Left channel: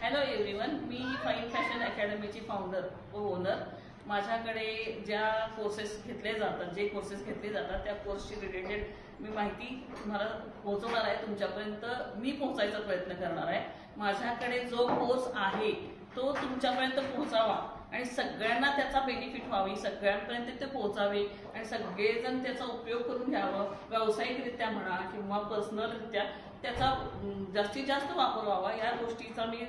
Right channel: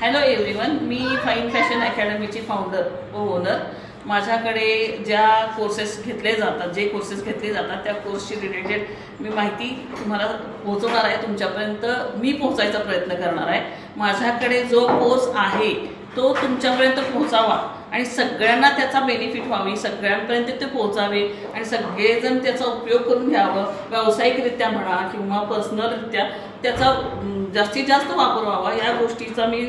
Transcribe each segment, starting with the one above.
Hello everyone, मी fine fashion अकॅडमीची founder व owner. माझ्याकडे ज्या कोर्सेस घेतले जातात त्या कोर्सशी रिलेटेड मी माहिती तुम्हाला पोहोचवणार आहे. तुमच्यापर्यंत मी पोहोचायचा प्रयत्न करणार आहे. माझ्याकडे जो कोर्स आहे तो तुमच्यापर्यंत पोहोचावा आणि सगळ्यांना त्याचा बेनिफिट व्हावी, सगळ्यांपर्यंत ते पोहोचावे आणि सगळेजण त्याचा उपयोग करून घ्यावं. व्यावसायिकरित्या म्हणा किंवा पर्सनलरित्या त्याचा जास्तीत जास्त वापर व्हावा या गोष्टीचा मी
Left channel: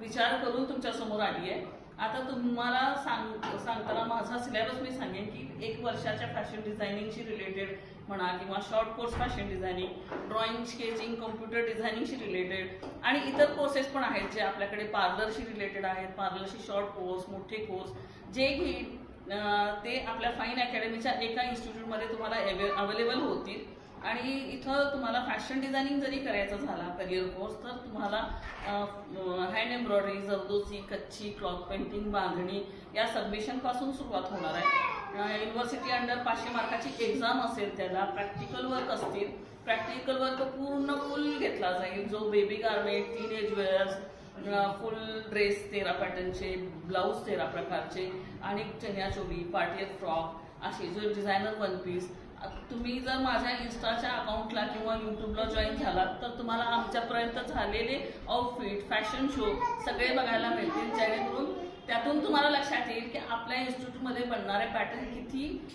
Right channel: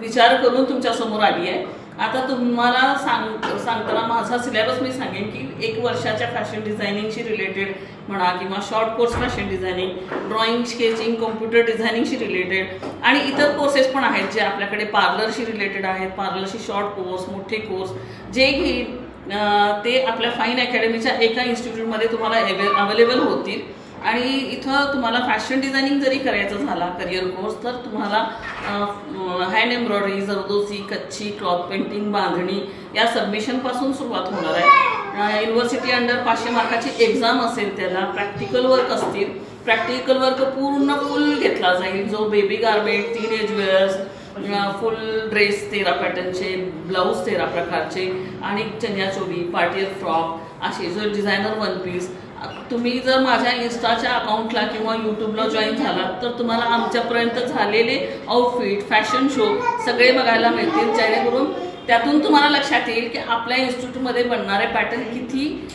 विचार करून तुमच्यासमोर आली आहे. आता तुम्हाला सांगताना माझा सिलेबस मी सांगेन की 1 वर्षाच्या फॅशन डिझायनिंगशी रिलेटेड म्हणा किंवा short course fashion designing, drawing, sketching, computer डिझायनिंगशी रिलेटेड आणि इतर कोर्सेस पण आहेत जे आपल्याकडे पार्लरशी रिलेटेड आहेत. पार्लरशी शॉर्ट कोर्स, मोठे कोर्स जे घेईल ते आपल्या फाईन अकॅडमीच्या एका इन्स्टिट्यूटमध्ये तुम्हाला अवेलेबल होतील. आणि इथं तुम्हाला फॅशन डिझायनिंग जरी करायचं झाला करिअर कोर्स तर तुम्हाला हँड एम्ब्रॉयडरी, जरदोसी, कच्छी, क्लॉथ पेंटिंग, बांधणी या सबमिशनपासून सुरुवात होणार आहे. युनिव्हर्सिटी अंडर 500 मार्काची एक्झाम असेल, त्याला प्रॅक्टिकल वर्क असतील. प्रॅक्टिकल वर्क पूर्ण फुल घेतला जाईल, जो baby garment, teenage wears, full dress 13 पॅटर्नचे, ब्लाऊज 13 प्रकारचे आणि चनियाचोली, पार्टीवेअर फ्रॉक असे जो डिझायनर वन पीस. तुम्ही जर माझ्या इन्स्टाच्या अकाउंटला किंवा यूट्यूबला जॉईन झालात तर तुम्हाला आमच्यापर्यंत झालेले आउटफिट, फॅशन शो सगळे बघायला मिळतील, जेणेकरून त्यातून तुम्हाला लक्षात येईल की आपल्या इन्स्टिट्यूटमध्ये बनणारे पॅटर्न किती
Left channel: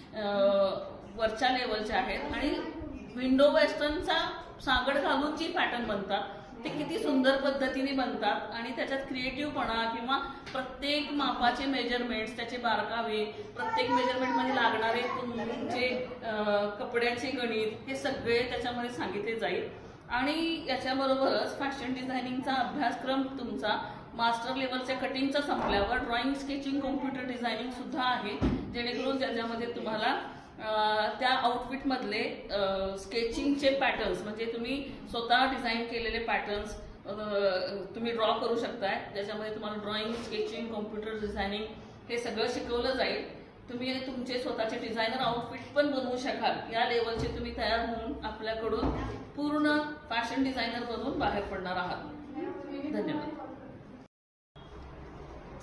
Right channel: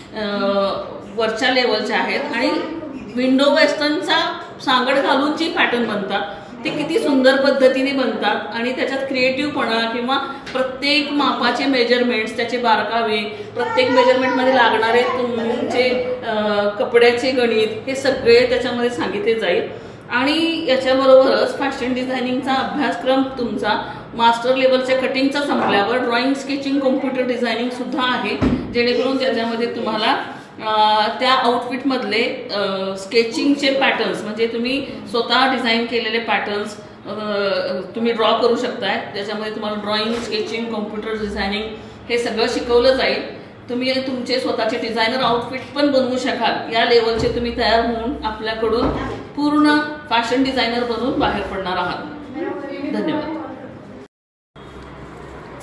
वरच्या लेवलचे आहेत आणि विंडो वेस्टर्नचा सांगड घालून जी पॅटर्न बनतात ते किती सुंदर पद्धतीने बनतात आणि त्याच्यात क्रिएटिव्हपणा किंवा प्रत्येक मापाचे मेजरमेंट्स, त्याचे बारकावे, प्रत्येक मेजरमेंटमध्ये लागणारे तुमचे कपड्याचे गणित हे सगळे त्याच्यामध्ये सांगितले जाईल. आणि याच्याबरोबरच फॅशन डिझायनिंगचा अभ्यासक्रम तुमचा मास्टर लेवलच्या कटिंगचा संपल्यावर ड्रॉइंग, स्केचिंग, कॉम्प्युटर डिझायनिंग सुद्धा आहे, जेणेकरून त्याच्यामध्ये तुम्हाला त्या आउटफिटमधले स्केचिंगचे पॅटर्न्स म्हणजे तुम्ही स्वतः डिझाईन केलेले पॅटर्न्स तुम्ही ड्रॉ करू शकताय. त्याच्यामध्ये तुम्हाला ड्रॉइंग, स्केचिंग, कॉम्प्युटर डिझायनिंग हे सगळं शिकवलं जाईल. तुम्ही तुमचे स्वतःचे डिझायनर आउटफिट पण बनवू शकाल. या लेवलचे तुम्ही तयार होऊन आपल्याकडून पूर्ण फॅशन डिझायनर बनून बाहेर पडणार आहात. धन्यवाद.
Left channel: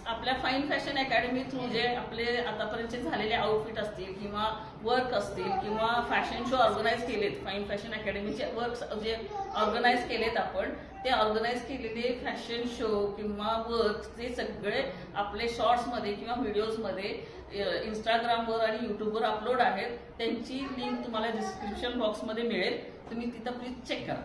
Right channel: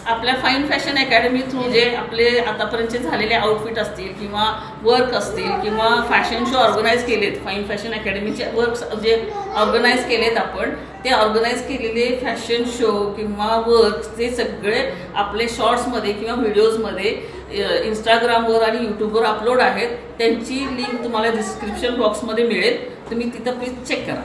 आपल्या फाईन फॅशन अकॅडमी थ्रू जे आपले आतापर्यंतचे झालेले आउटफिट असतील किंवा वर्क असतील किंवा फॅशन शो ऑर्गनाईज केलेत, फाईन फॅशन अकॅडमीचे वर्क्स जे ऑर्गनाईज केलेत आपण, ते ऑर्गनाईज केलेले फॅशन शो किंवा वर्क्स ते सगळे आपले शॉर्ट्समध्ये किंवा व्हिडिओजमध्ये इंस्टाग्रामवर आणि यूट्यूबवर अपलोड आहेत. त्यांची लिंक तुम्हाला डिस्क्रिप्शन बॉक्समध्ये मिळेल, तुम्ही तिथं प्लीज चेक करा.